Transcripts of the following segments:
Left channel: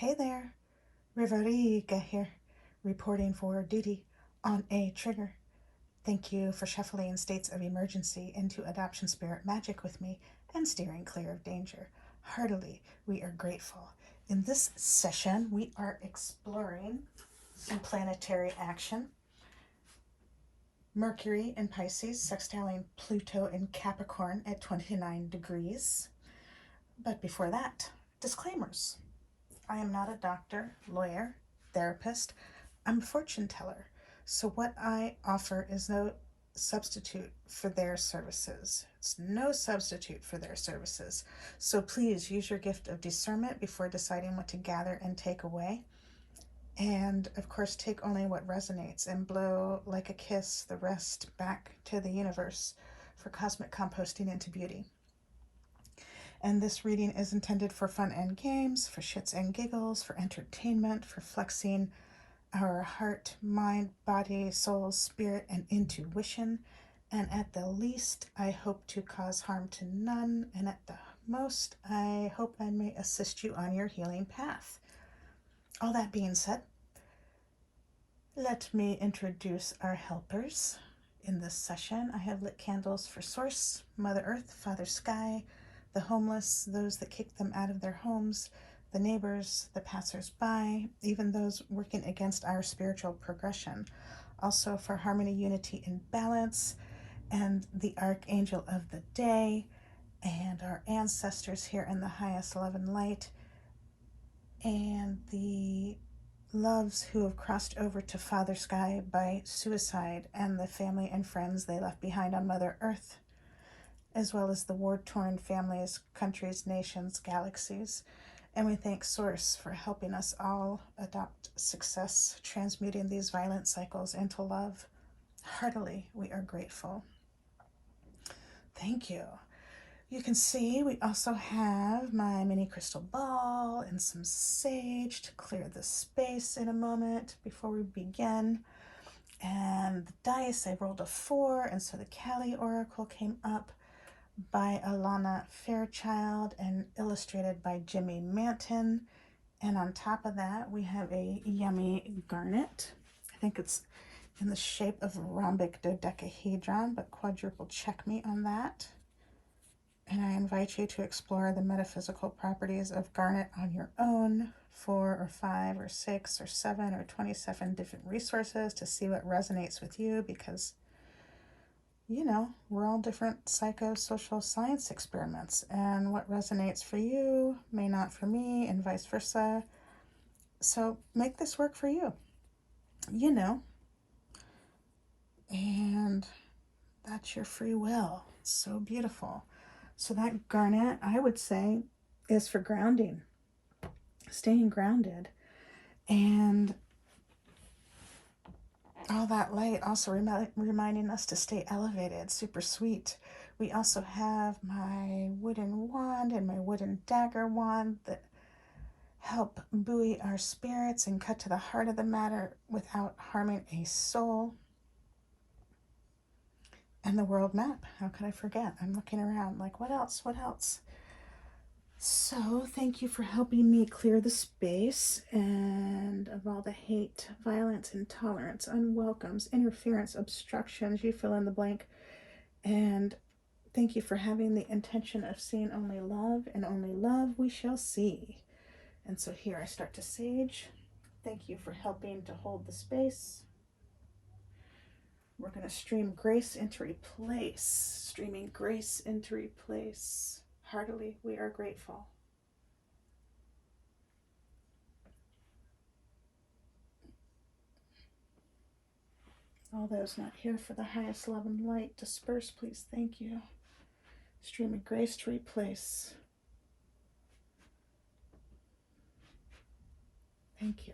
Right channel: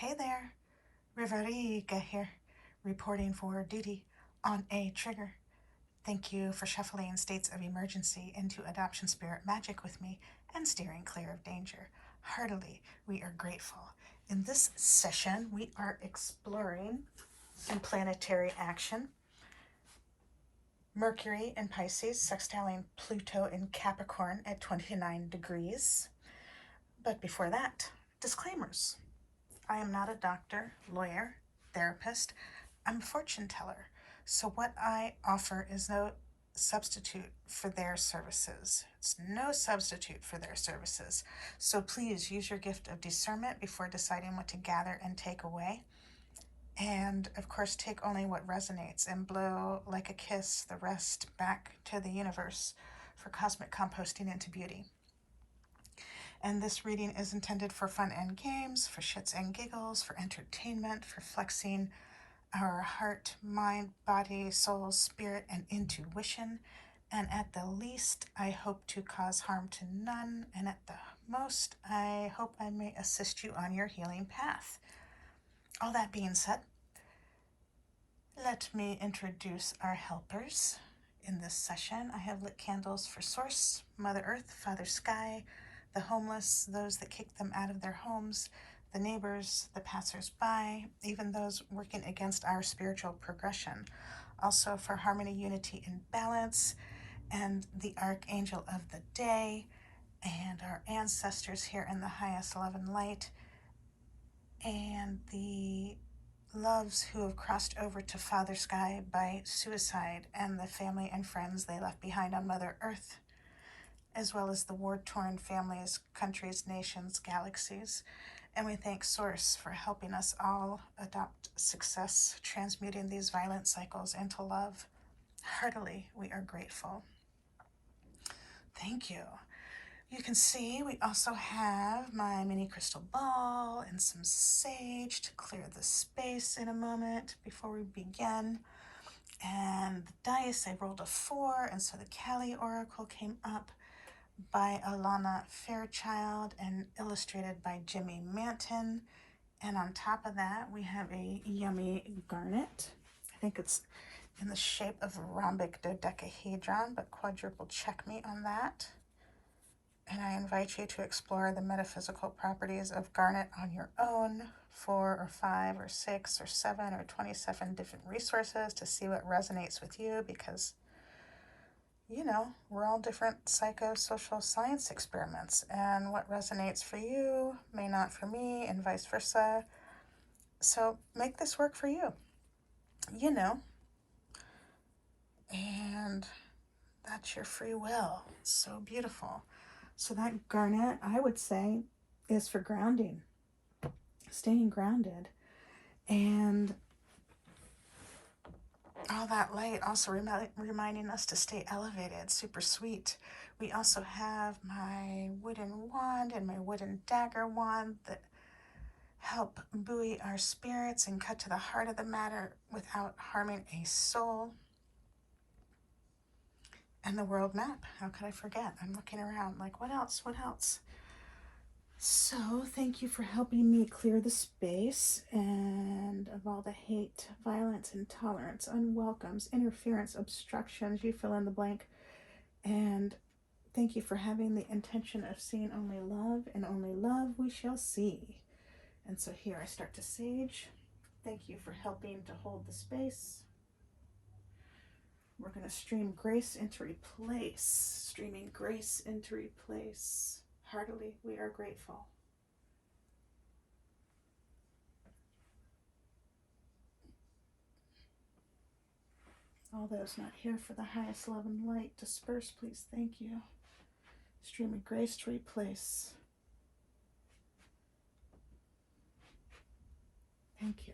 Hey there, Riveriga here, reporting for duty on a trigger. Thank you for shuffling states of emergency into adoption spirit magic with me and steering clear of danger. Heartily, we are grateful. In this session, we are exploring some planetary action. Mercury in Pisces, sextiling Pluto in Capricorn at 29 degrees. But before that, disclaimers. I am not a doctor, lawyer, therapist. I'm a fortune teller. So what I offer is no substitute for their services. It's no substitute for their services. So please use your gift of discernment before deciding what to gather and take away. And of course, take only what resonates and blow like a kiss the rest back to the universe for cosmic composting into beauty. And this reading is intended for fun and games, for shits and giggles, for entertainment, for flexing our heart, mind, body, soul, spirit, and intuition. And at the least, I hope to cause harm to none. And at the most, I hope I may assist you on your healing path. All that being said, let me introduce our helpers. In this session, I have lit candles for Source, Mother Earth, Father Sky, the homeless, those that kicked them out of their homes, the neighbors, the passers-by, even those working against our spiritual progression. Also for harmony, unity, and balance, and the archangel of the day, and our ancestors here in the highest love and light, and the loves who have crossed over to Father Sky by suicide, and the family and friends they left behind on Mother Earth, as well as the war-torn families, countries, nations, galaxies. And we thank Source for helping us all adopt success, transmuting these violent cycles into love. Heartily, we are grateful. Thank you. You can see we also have my mini crystal ball and some sage to clear the space in a moment before we begin. And the dice, I rolled a 4, and so the Kali Oracle came up by Alana Fairchild and illustrated by Jimmy Manton. And on top of that, we have a yummy garnet. I think it's in the shape of a rhombic dodecahedron, but quadruple check me on that. And I invite you to explore the metaphysical properties of garnet on your own. 4 or 5 or 6 or 7 or 27 different resources to see what resonates with you, because you know, we're all different psychosocial science experiments, and what resonates for you may not for me, and vice versa. So make this work for you, you know, and that's your free will. It's so beautiful. So that garnet, I would say, is for grounding, staying grounded, and all that light also reminding us to stay elevated. Super sweet. We also have my wooden wand and my wooden dagger wand that help buoy our spirits and cut to the heart of the matter without harming a soul. And the world map. How could I forget? I'm looking around like, what else? What else? So thank you for helping me clear the space and of all the hate, violence, intolerance, unwelcomes, interference, obstructions, you fill in the blank. And thank you for having the intention of seeing only love, and only love we shall see. And so here I start to sage. Thank you for helping to hold the space. We're going to stream grace into replace. Streaming grace into replace. Heartily, we are grateful. All those not here for the highest love and light, disperse, please. Thank you. Streaming grace to replace. Thank you.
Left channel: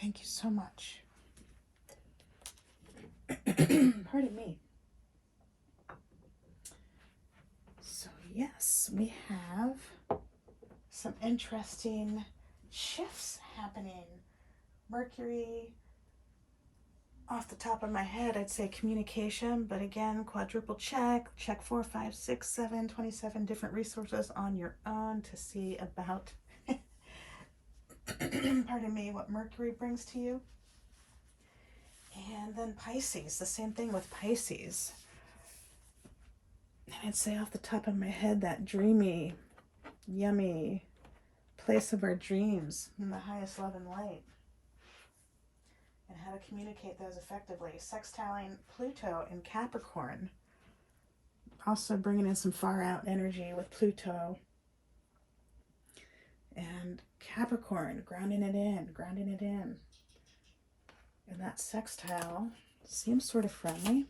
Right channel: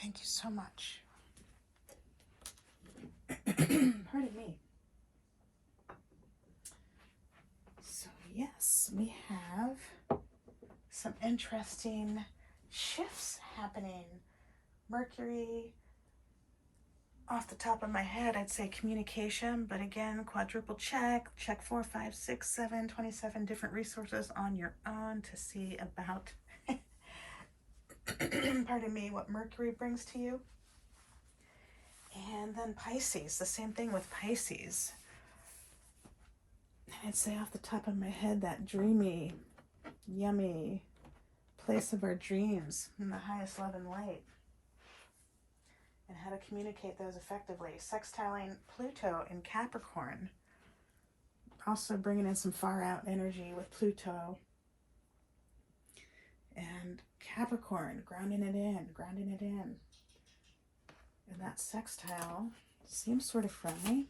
Thank you so much. Pardon me. So yes, we have some interesting shifts happening. Mercury, off the top of my head, I'd say communication, but again, quadruple check 4, 5, 6, 7, 27 different resources on your own to see about, pardon me, what Mercury brings to you. And then Pisces, the same thing with Pisces. And I'd say off the top of my head, that dreamy, yummy place of our dreams in the highest love and light. And how to communicate those effectively. Sextiling Pluto in Capricorn. Also bringing in some far out energy with Pluto. And Capricorn, grounding it in, grounding it in. And that sextile seems sort of friendly.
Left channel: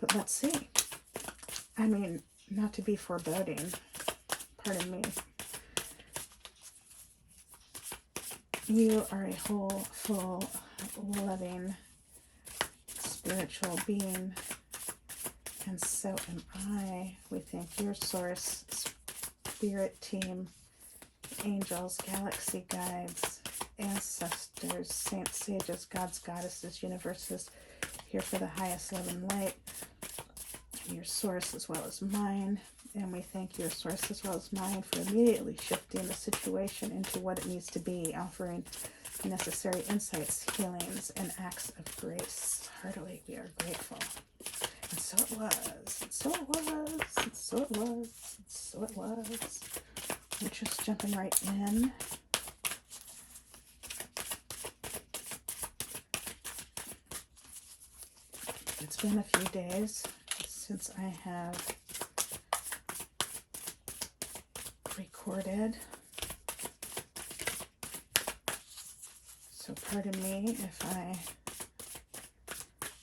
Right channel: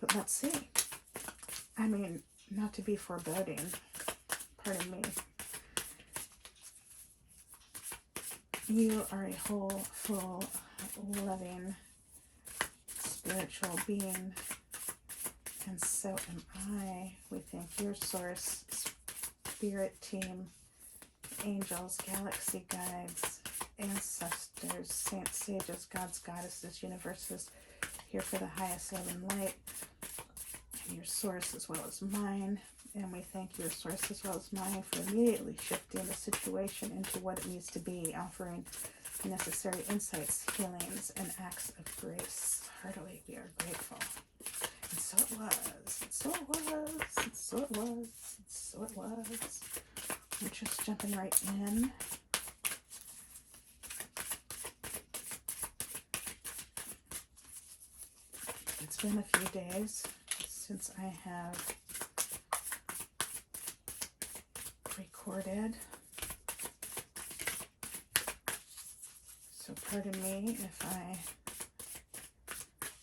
But let's see. I mean, not to be foreboding. Pardon me. You are a whole, full, loving, spiritual being. And so am I. We thank your source, spirit team, angels, galaxy guides, ancestors, saints, sages, gods, goddesses, universes, here for the highest love and light. And your source as well as mine. And we thank your source as well as mine for immediately shifting the situation into what it needs to be, offering necessary insights, healings, and acts of grace. Heartily, we are grateful. And so it was. And so it was. And so it was. And so it was. We're just jumping right in. It's been a few days since I have recorded, so pardon me if I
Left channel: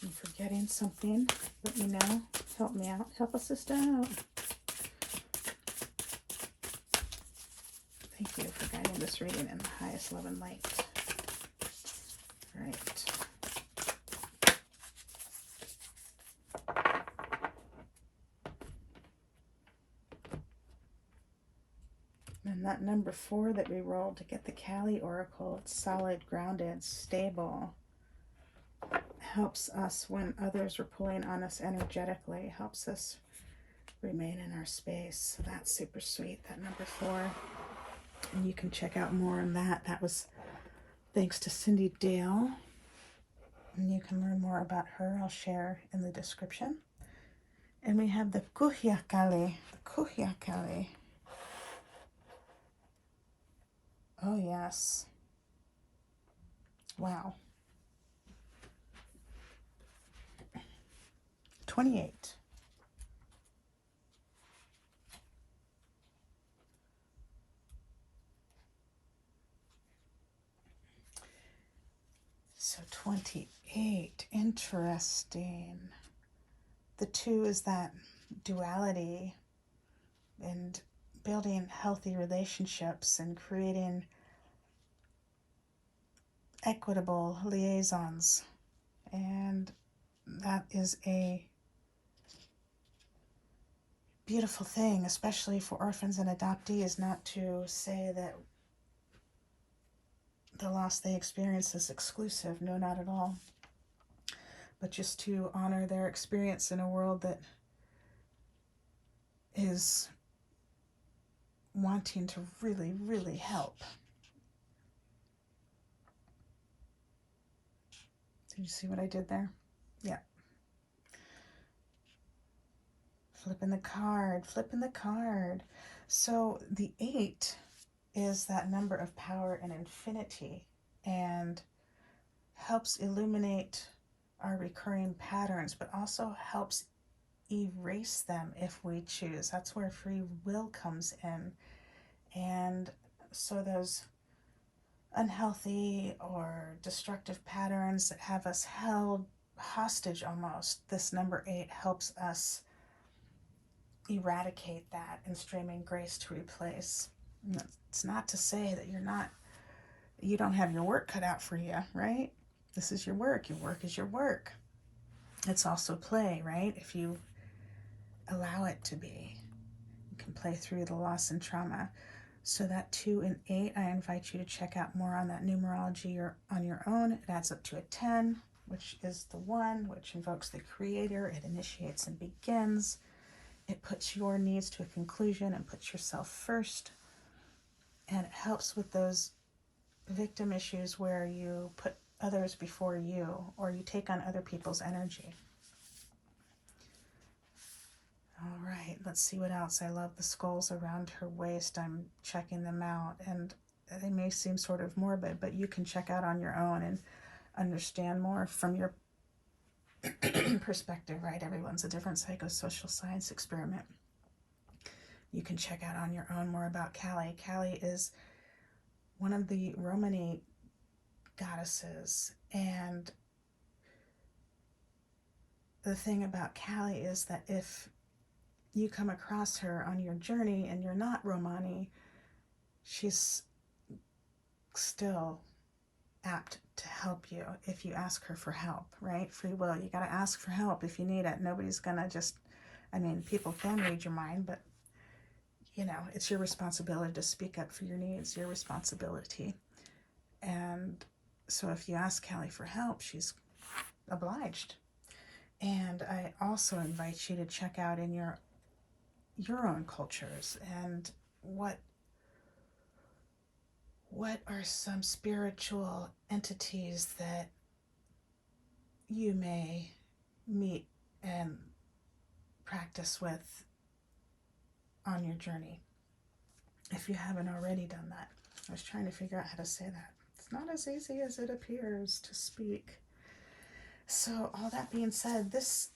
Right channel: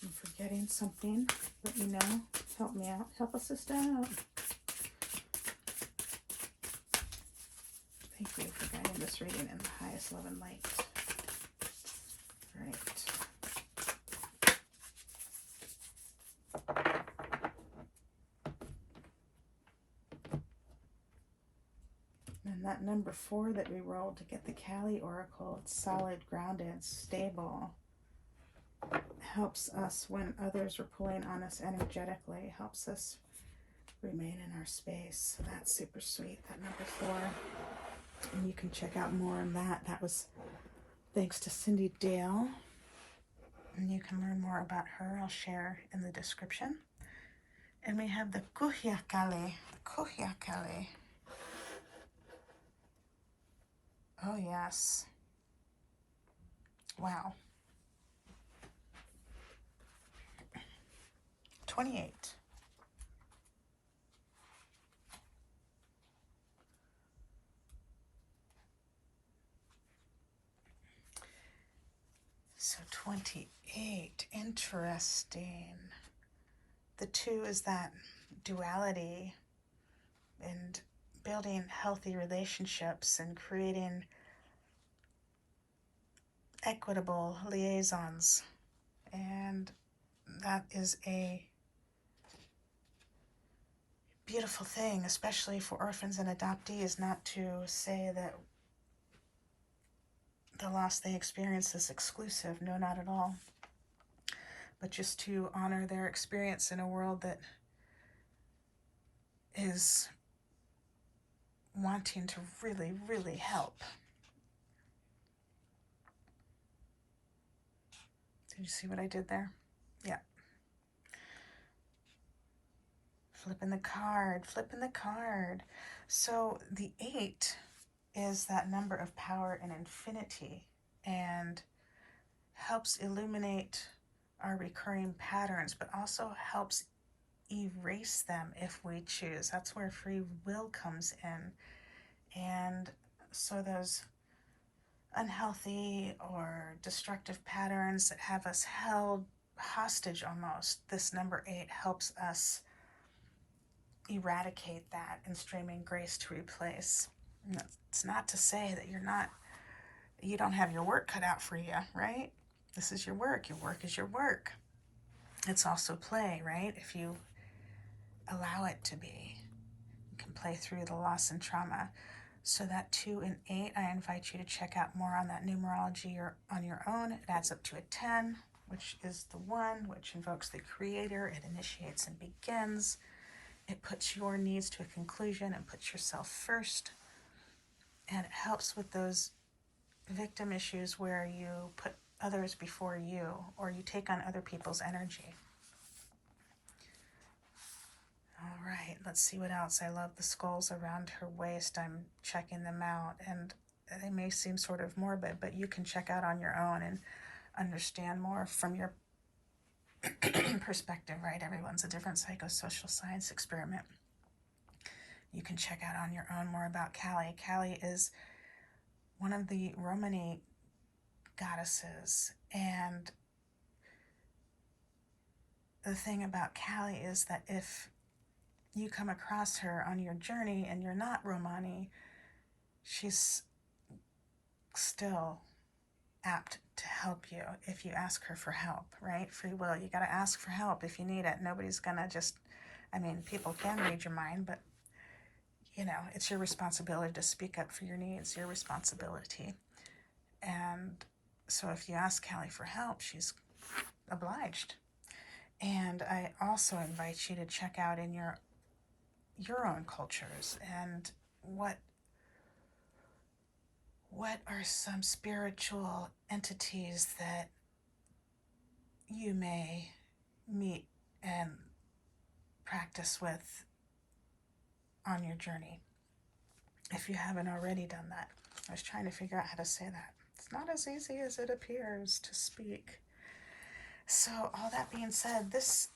am forgetting something. Let me know. Help me out. Help us sister out. Thank you for guiding this reading in the highest love and light. All right. And that number 4 that we rolled to get the Kali Oracle, it's solid, grounded, stable. Helps us when others are pulling on us energetically. Helps us remain in our space. So that's super sweet, that number 4. And you can check out more on that. That was thanks to Cindy Dale. And you can learn more about her. I'll share in the description. And we have the Kuhyakali. The Kuhyakali. Oh, yes. Wow. 28. So 28. Interesting. The 2 is that duality and building healthy relationships and creating equitable liaisons. And that is a beautiful thing, especially for orphans and adoptees, not to say that the loss they experience is exclusive. No, not at all. But just to honor their experience in a world that is wanting to really, really help. Did you see what I did there? Yeah. Flipping the card, flipping the card. So the 8 is that number of power and infinity and helps illuminate our recurring patterns, but also helps erase them if we choose. That's where free will comes in. And so those unhealthy or destructive patterns that have us held hostage almost, this number 8 helps us eradicate that and streaming grace to replace. It's not to say that you're not you don't have your work cut out for you, right? This is your work. Your work is your work. It's also play, right? If you allow it to be, you can play through the loss and trauma. So that 2 and 8, I invite you to check out more on that numerology or on your own. It adds up to a 10, which is the 1, which invokes the creator. It initiates and begins. It puts your needs to a conclusion and puts yourself first. And it helps with those victim issues where you put others before you, or you take on other people's energy. All right, let's see what else. I love the skulls around her waist. I'm checking them out, and they may seem sort of morbid, but you can check out on your own and understand more from your perspective, right? Everyone's a different psychosocial science experiment. You can check out on your own more about Kali. Kali is one of the Romani goddesses, and the thing about Kali is that if you come across her on your journey and you're not Romani, she's still apt to help you if you ask her for help, right? Free will. You got to ask for help if you need it. Nobody's going to just, people can read your mind, but it's your responsibility to speak up for your needs, your responsibility. And so if you ask Kali for help, she's obliged. And I also invite you to check out in your own cultures and what are some spiritual entities that you may meet and practice with on your journey, if you haven't already done that. I was trying to figure out how to say that. It's not as easy as it appears to speak. So all that being said, this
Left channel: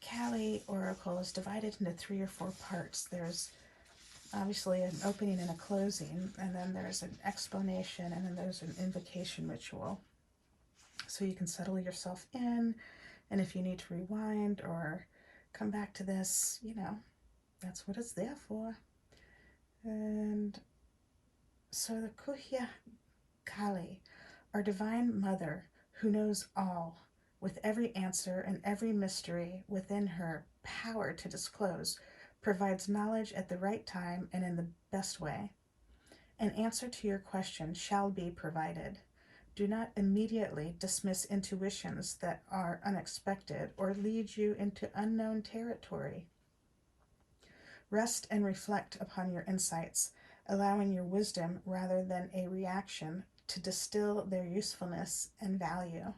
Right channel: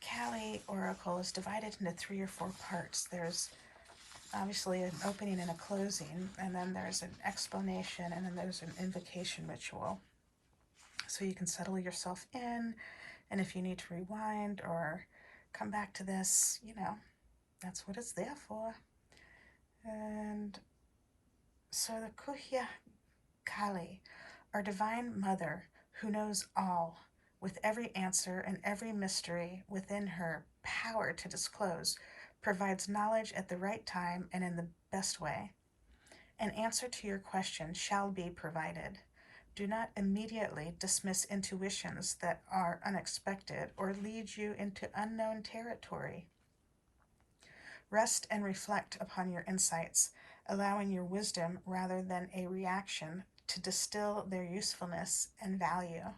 Kali oracle is divided into 3 or 4 parts. There's obviously an opening and a closing, and then there's an explanation, and then there's an invocation ritual. So you can settle yourself in, and if you need to rewind or come back to this, that's what it's there for. And so the Kuhya Kali, our divine mother who knows all, with every answer and every mystery within her power to disclose, provides knowledge at the right time and in the best way. An answer to your question shall be provided. Do not immediately dismiss intuitions that are unexpected or lead you into unknown territory. Rest and reflect upon your insights, allowing your wisdom rather than a reaction to distill their usefulness and value.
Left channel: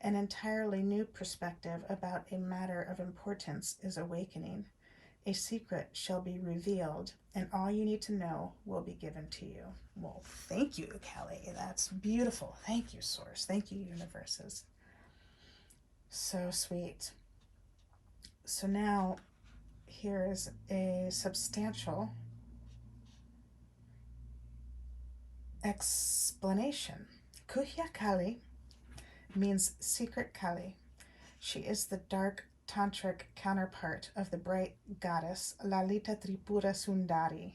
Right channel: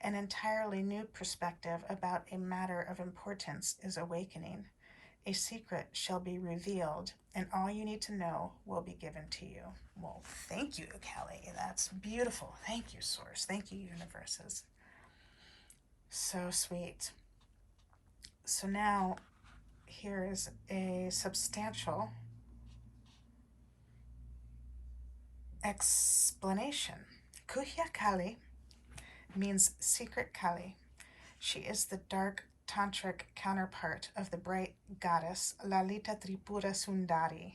An entirely new perspective about a matter of importance is awakening. A secret shall be revealed, and all you need to know will be given to you. Well, thank you, Kali. That's beautiful. Thank you, Source. Thank you, universes. So sweet. So now, here is a substantial explanation. Kuhya Kali means secret Kali. She is the dark tantric counterpart of the bright goddess Lalita Tripura Sundari.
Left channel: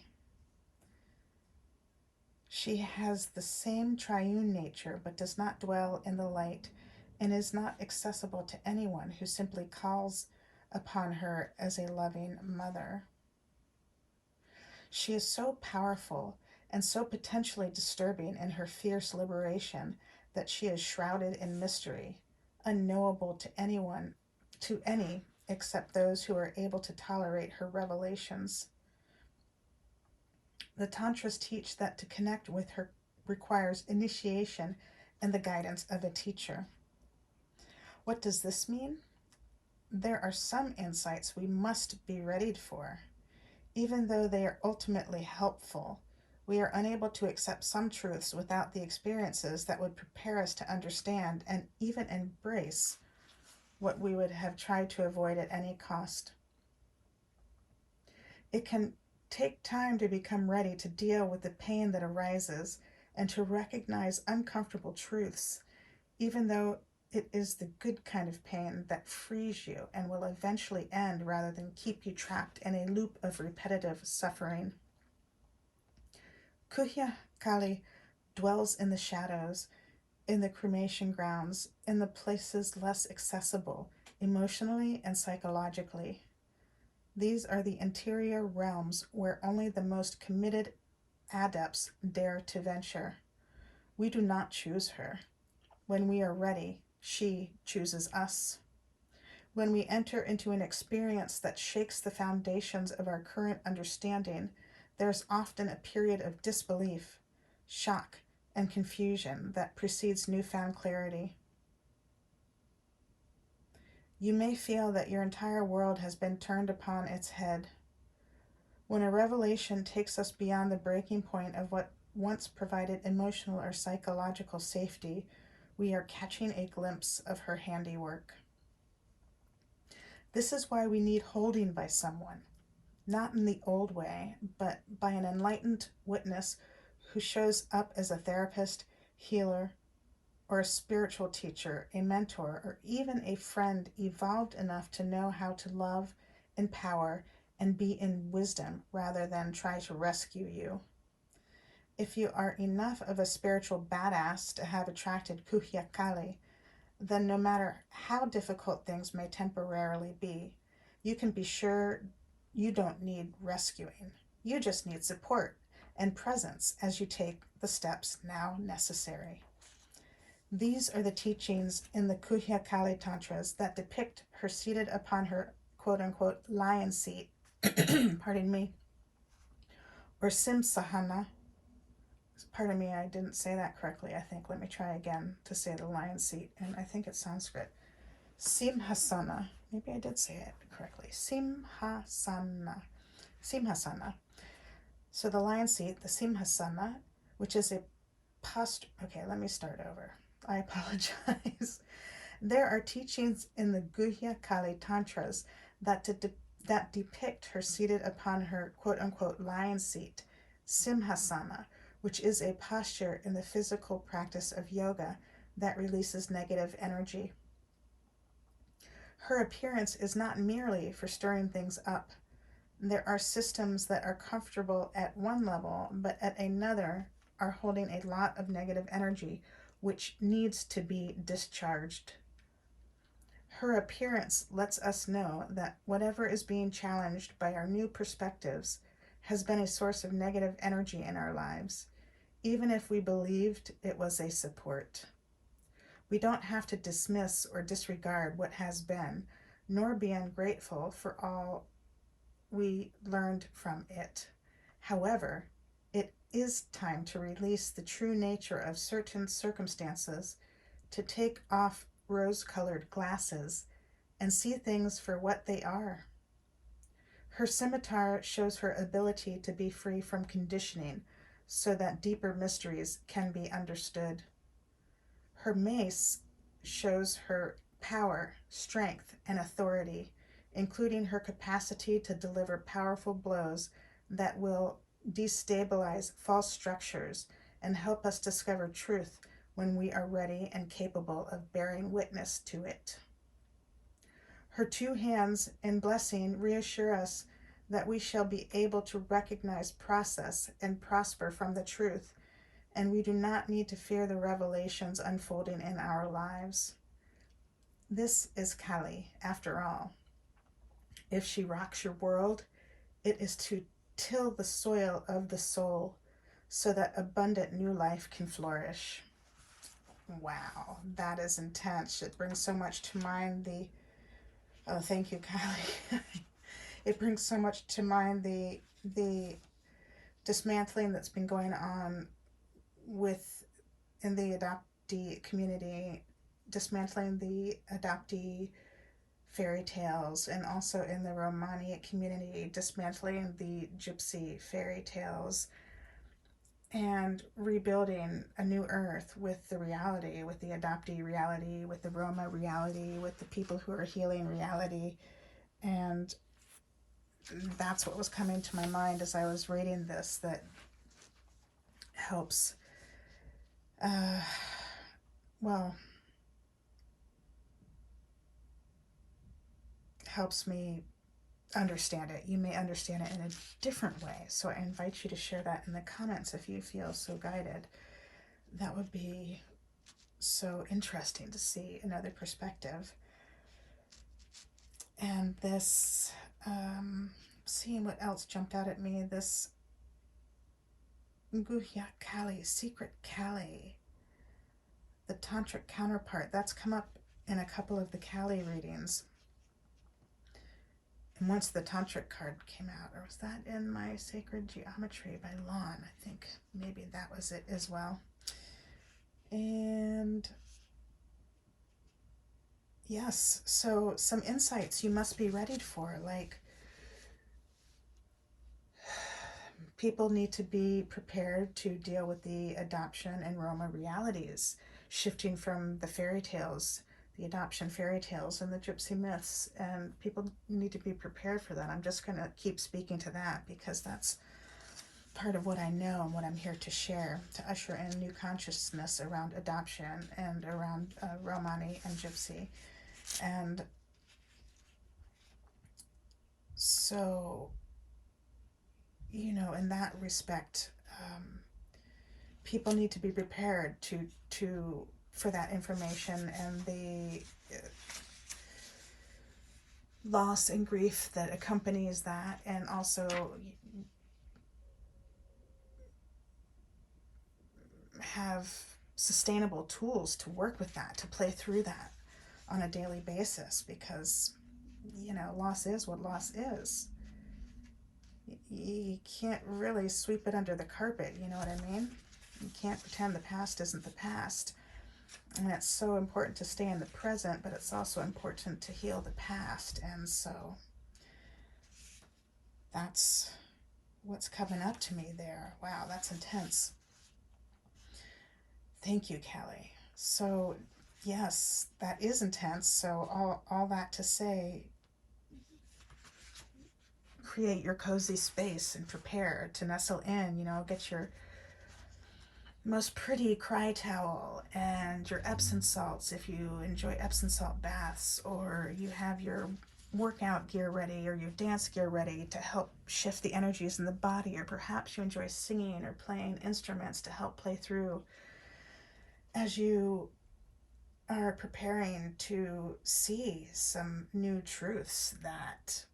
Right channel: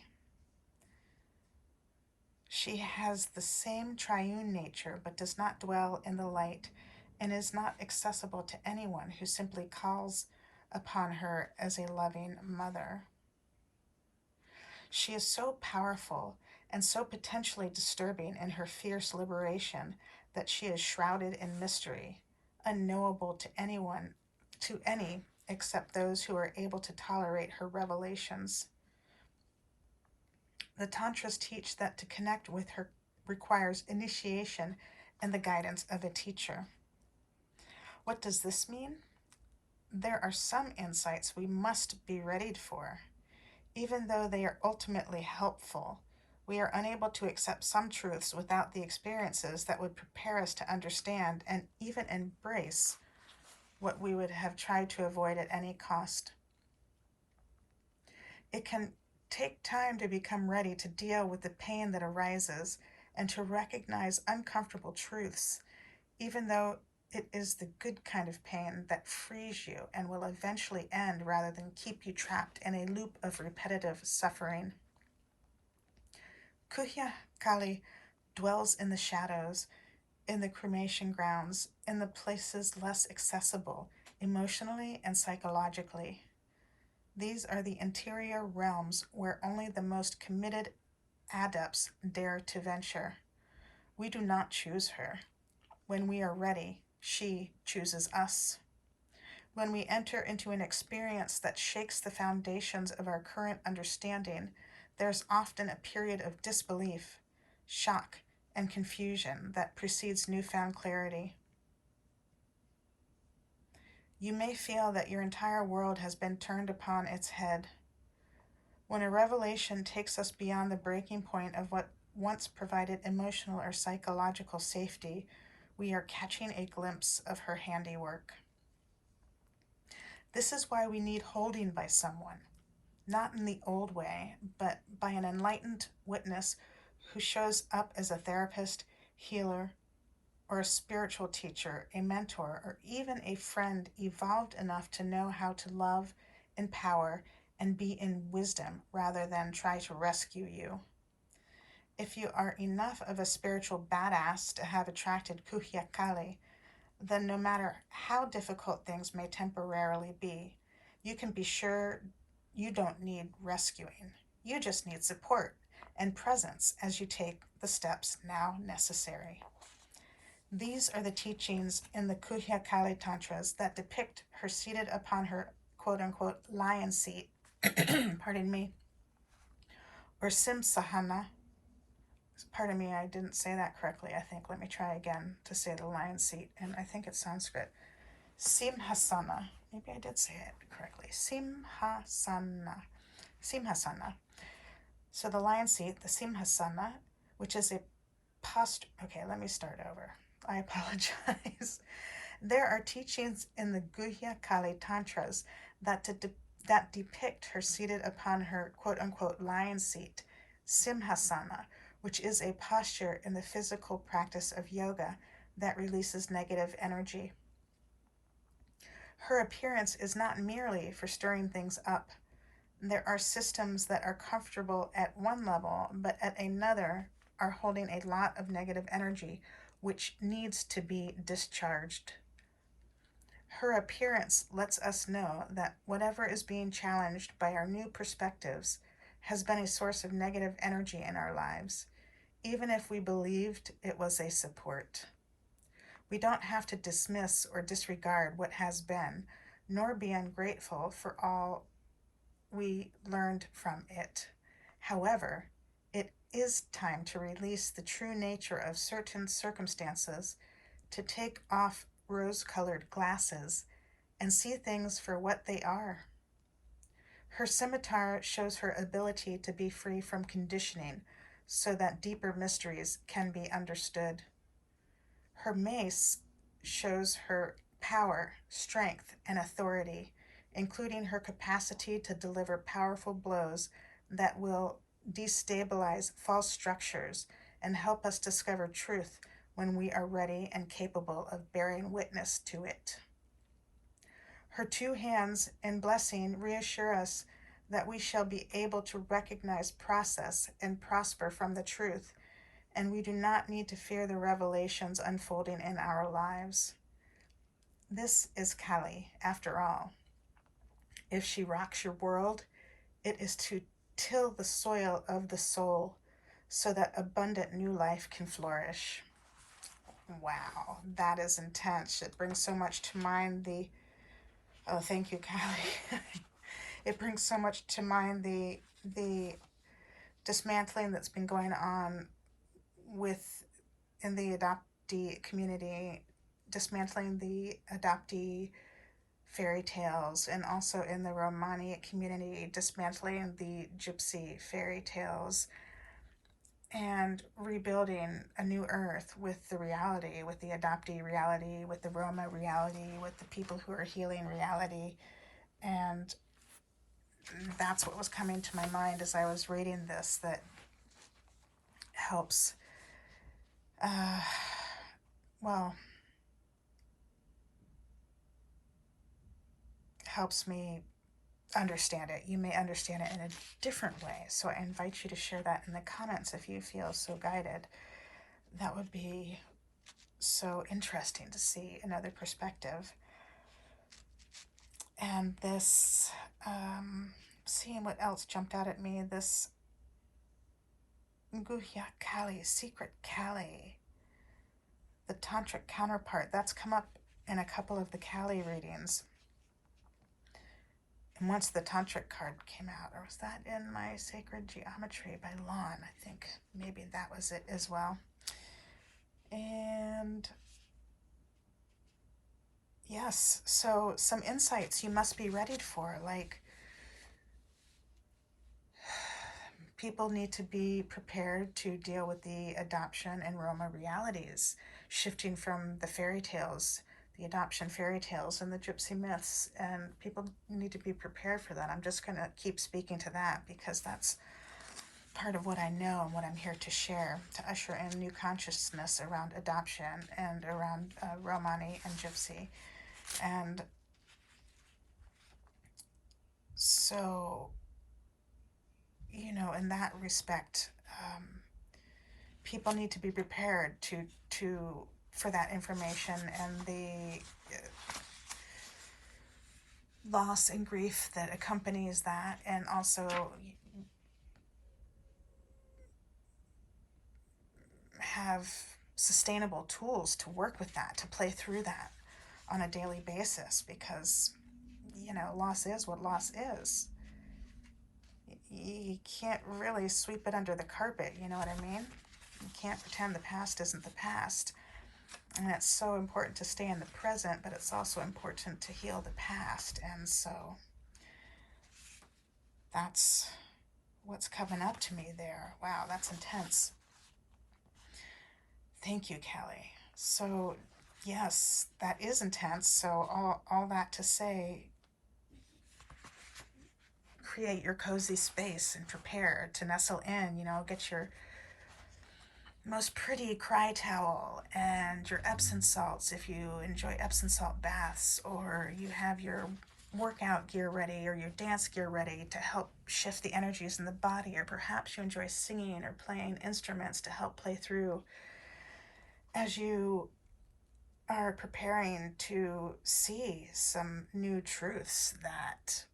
She has the same triune nature but does not dwell in the light and is not accessible to anyone who simply calls upon her as a loving mother. She is so powerful and so potentially disturbing in her fierce liberation that she is shrouded in mystery, unknowable to any except those who are able to tolerate her revelations. The Tantras teach that to connect with her requires initiation and the guidance of a teacher. What does this mean? There are some insights we must be readied for. Even though they are ultimately helpful, we are unable to accept some truths without the experiences that would prepare us to understand and even embrace what we would have tried to avoid at any cost. It can take time to become ready to deal with the pain that arises and to recognize uncomfortable truths, even though it is the good kind of pain that frees you and will eventually end rather than keep you trapped in a loop of repetitive suffering. Kuhya Kali dwells in the shadows, in the cremation grounds, in the places less accessible, emotionally and psychologically. These are the interior realms where only the most committed adepts dare to venture. We do not choose her. When we are ready, she chooses us. When we enter into an experience that shakes the foundations of our current understanding, there's often a period of disbelief, shock, and confusion that precedes newfound clarity. You may feel that your entire world has been turned upon its head. When a revelation takes us beyond the breaking point of what once provided emotional or psychological safety, we are catching a glimpse of her handiwork. This is why we need holding by someone, not in the old way, but by an enlightened witness who shows up as a therapist, healer, or a spiritual teacher, a mentor, or even a friend evolved enough to know how to love, empower, and be in wisdom rather than try to rescue you. If you are enough of a spiritual badass to have attracted Kuhyakali, then no matter how difficult things may temporarily be, you can be sure you don't need rescuing. You just need support and presence as you take the steps now necessary. These are the teachings in the Kuhyakali Tantras that depict her seated upon her quote unquote lion seat, pardon me, or Simsahana. Pardon me, I didn't say that correctly, I think. Let me try again to say the lion seat, and I think it's Sanskrit. Simhasana. Maybe I did say it correctly. Simhasana. Simhasana. So the lion seat, the Simhasana, which is a okay, let me start over. I apologize. There are teachings in the Guhya Kali Tantras that depict her seated upon her quote unquote lion seat, Simhasana, which is a posture in the physical practice of yoga that releases negative energy. Her appearance is not merely for stirring things up. There are systems that are comfortable at one level, but at another are holding a lot of negative energy, which needs to be discharged. Her appearance lets us know that whatever is being challenged by our new perspectives has been a source of negative energy in our lives, even if we believed it was a support. We don't have to dismiss or disregard what has been, nor be ungrateful for all we learned from it. However, it is time to release the true nature of certain circumstances, to take off rose-colored glasses and see things for what they are. Her scimitar shows her ability to be free from conditioning so that deeper mysteries can be understood. Her mace shows her power, strength, and authority, including her capacity to deliver powerful blows that will destabilize false structures and help us discover truth when we are ready and capable of bearing witness to it. Her two hands in blessing reassure us that we shall be able to recognize process and prosper from the truth, and we do not need to fear the revelations unfolding in our lives. This is Kali, after all. If she rocks your world, it is to till the soil of the soul so that abundant new life can flourish. Wow, that is intense. It brings so much to mind oh, thank you, Kylie. It brings so much to mind the dismantling that's been going on in the adoptee community, dismantling the adoptee fairy tales, and also in the Romani community, dismantling the gypsy fairy tales and rebuilding a new earth with the reality, with the adoptee reality, with the Roma reality, with the people who are healing reality. And that's what was coming to my mind as I was reading this, that helps, well, helps me understand it. You may understand it in a different way. So I invite you to share that in the comments if you feel so guided. that would be so interesting to see another perspective. And this, seeing what else jumped out at me, this Guhya Kali, secret Kali, the tantric counterpart, that's come up in a couple of the Kali readings. And once the tantric card came out, or was that in my Sacred Geometry by Lon? I think maybe that was it as well. And yes, so some insights you must be ready for, like people need to be prepared to deal with the adoption and Roma realities, shifting from the fairy tales, the adoption fairy tales and the gypsy myths, and people need to be prepared for that. I'm just going to keep speaking to that because that's part of what I know and what I'm here to share, to usher in new consciousness around adoption and around Romani and gypsy. And so, you know, in that respect, people need to be prepared to for that information and the loss and grief that accompanies that, and also have sustainable tools to work with that, to play through that on a daily basis, because you know, loss is what loss is. You can't really sweep it under the carpet, you know what I mean? You can't pretend the past isn't the past. And it's so important to stay in the present, but it's also important to heal the past. And so that's what's coming up to me there. Wow, that's intense. Thank you, Kelly. So, yes, that is intense. So, all that to say, create your cozy space and prepare to nestle in, you know, get your most pretty cry towel and your Epsom salts if you enjoy Epsom salt baths, or you have your workout gear ready or your dance gear ready to help shift the energies in the body, or perhaps you enjoy singing or playing instruments to help play through as you are preparing to see some new truths that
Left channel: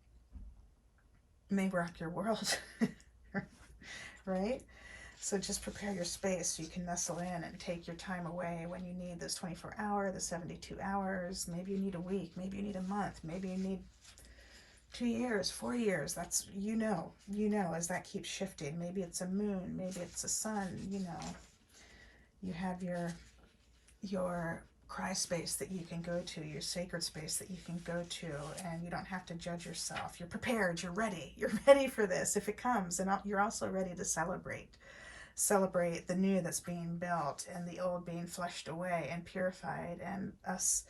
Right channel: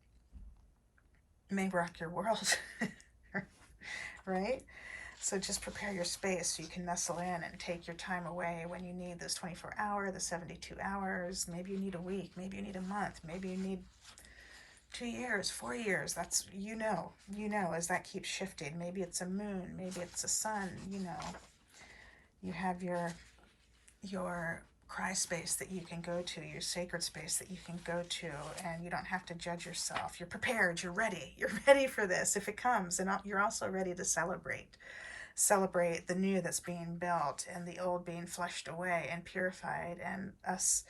may rock your world. Right? So just prepare your space so you can nestle in and take your time away when you need this 24-hour, the 72 hours. Maybe you need a week, maybe you need a month, maybe you need 2 years, 4 years. That's, you know, as that keeps shifting. Maybe it's a moon, maybe it's a sun, you know. You have your cry space that you can go to, your sacred space that you can go to, and you don't have to judge yourself. You're prepared, you're ready for this if it comes, and you're also ready to celebrate the new that's being built and the old being flushed away and purified, and us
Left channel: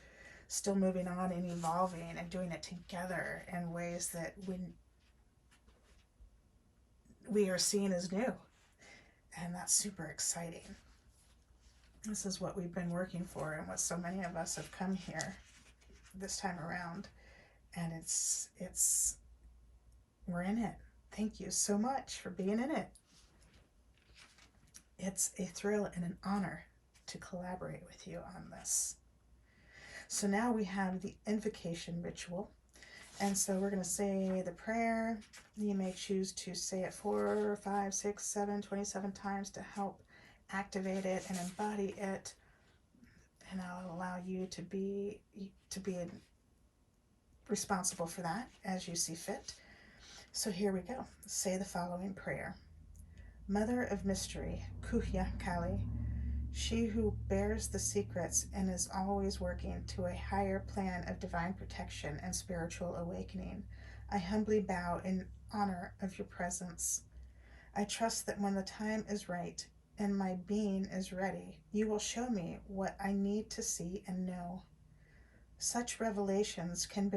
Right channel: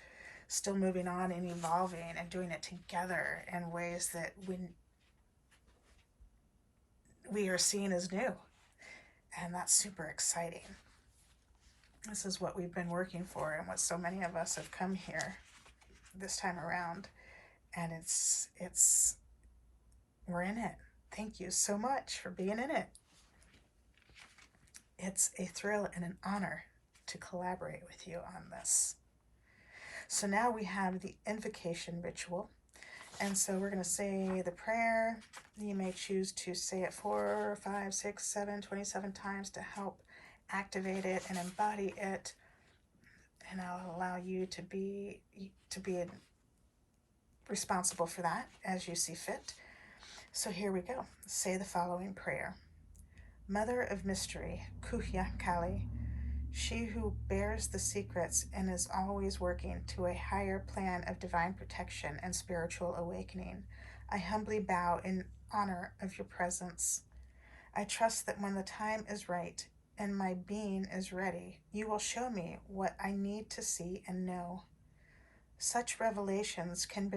still moving on and evolving and doing it together in ways that we are seen as new. And that's super exciting. This is what we've been working for and what so many of us have come here this time around. And it's we're in it. Thank you so much for being in it. It's a thrill and an honor to collaborate with you on this. So now we have the invocation ritual. And so we're going to say the prayer. You may choose to say it 4, 5, 6, 7, 27 times to help activate it and embody it. And I'll allow you to be responsible for that as you see fit. So here we go. Say the following prayer. Mother of Mystery, Kuhya Kali, she who bears the secrets and is always working to a higher plan of divine protection and spiritual awakening, I humbly bow in honor of your presence. I trust that when the time is right and my being is ready, you will show me what I need to see and know. Such revelations can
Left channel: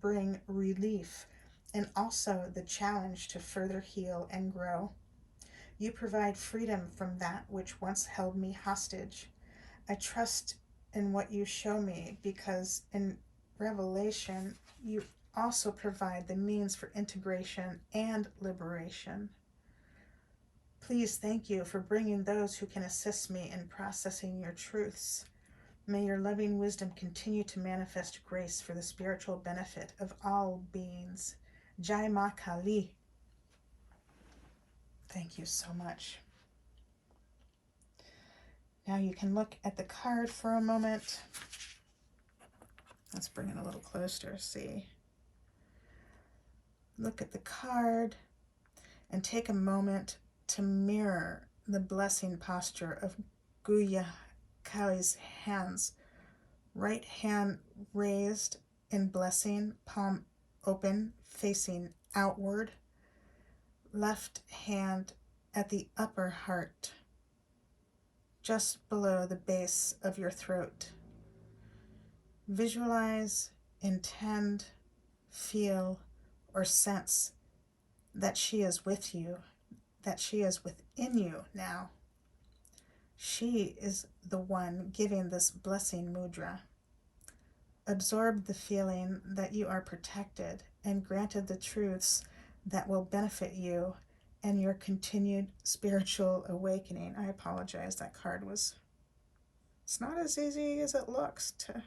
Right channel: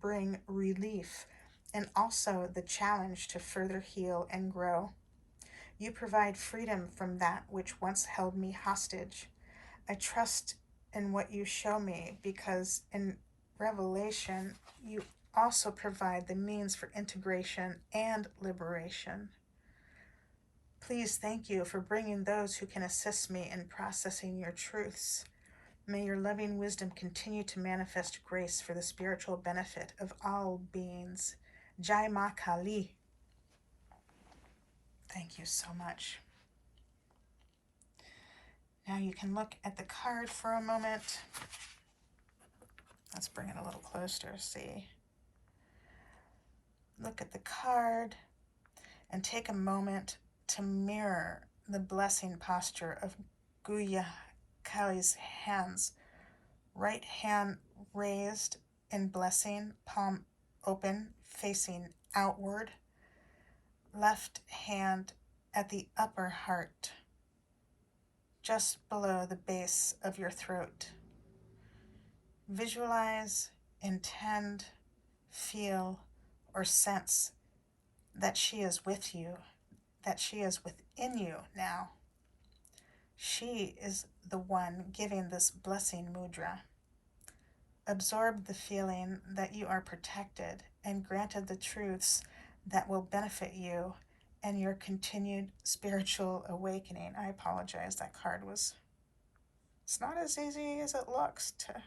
bring relief and also the challenge to further heal and grow. You provide freedom from that which once held me hostage. I trust in what you show me because in revelation, you also provide the means for integration and liberation. Please thank you for bringing those who can assist me in processing your truths. May your loving wisdom continue to manifest grace for the spiritual benefit of all beings. Jai Ma Kali. Thank you so much. Now you can look at the card for a moment. Let's bring it a little closer to see. Look at the card and take a moment to mirror the blessing posture of Guya Kali's hands. Right hand raised in blessing, palm open, facing outward. Left hand at the upper heart, just below the base of your throat. Visualize, intend, feel, or sense that she is with you, that she is within you now. She is the one giving this blessing mudra. Absorb the feeling that you are protected and granted the truths that will benefit you and your continued spiritual awakening. I apologize, that card was... It's not as easy as it looks to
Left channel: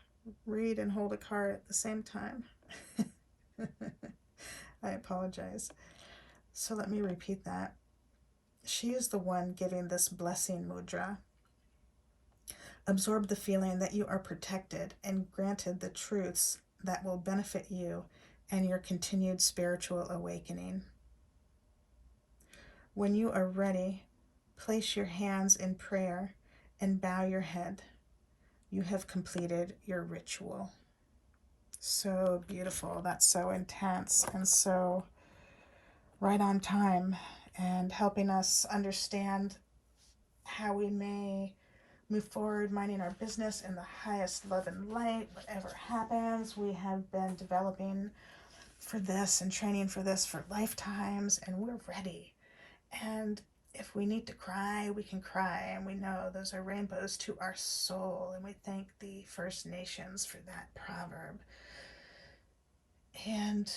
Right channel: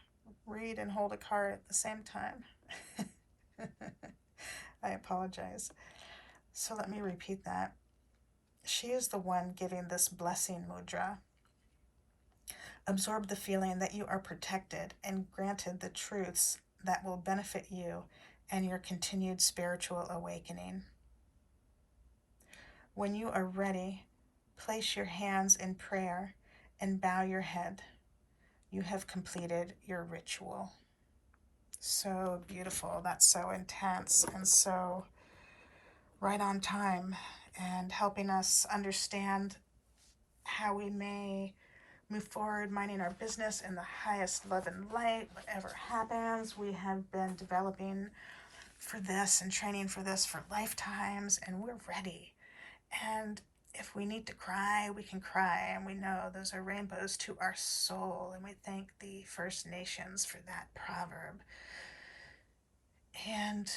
read and hold a card at the same time. I apologize. So let me repeat that. She is the one giving this blessing mudra. Absorb the feeling that you are protected and granted the truths that will benefit you and your continued spiritual awakening. When you are ready, place your hands in prayer and bow your head. You have completed your ritual. So beautiful. That's so intense and so right on time, and helping us understand how we may move forward, minding our business in the highest love and light, whatever happens. We have been developing for this and training for this for lifetimes, and we're ready. And if we need to cry, we can cry, and we know those are rainbows to our soul, and we thank the First Nations for that proverb. And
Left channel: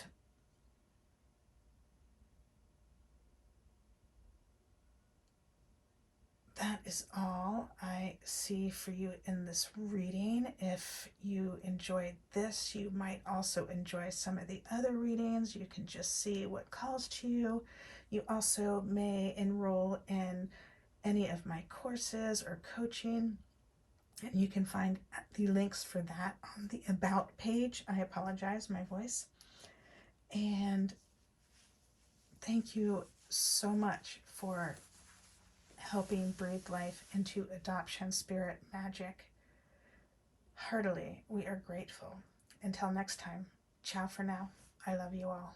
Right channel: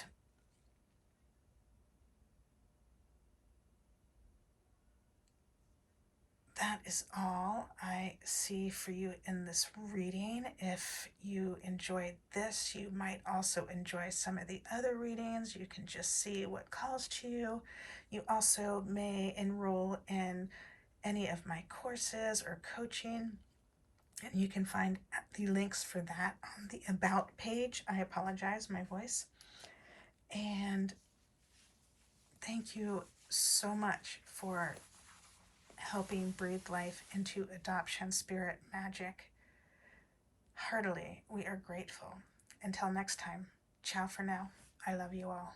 that is all I see for you in this reading. If you enjoyed this, you might also enjoy some of the other readings. You can just see what calls to you. You also may enroll in any of my courses or coaching, and you can find the links for that on the About page. I apologize, my voice. And thank you so much for helping breathe life into adoption spirit magic. Heartily, we are grateful. Until next time, ciao for now. I love you all.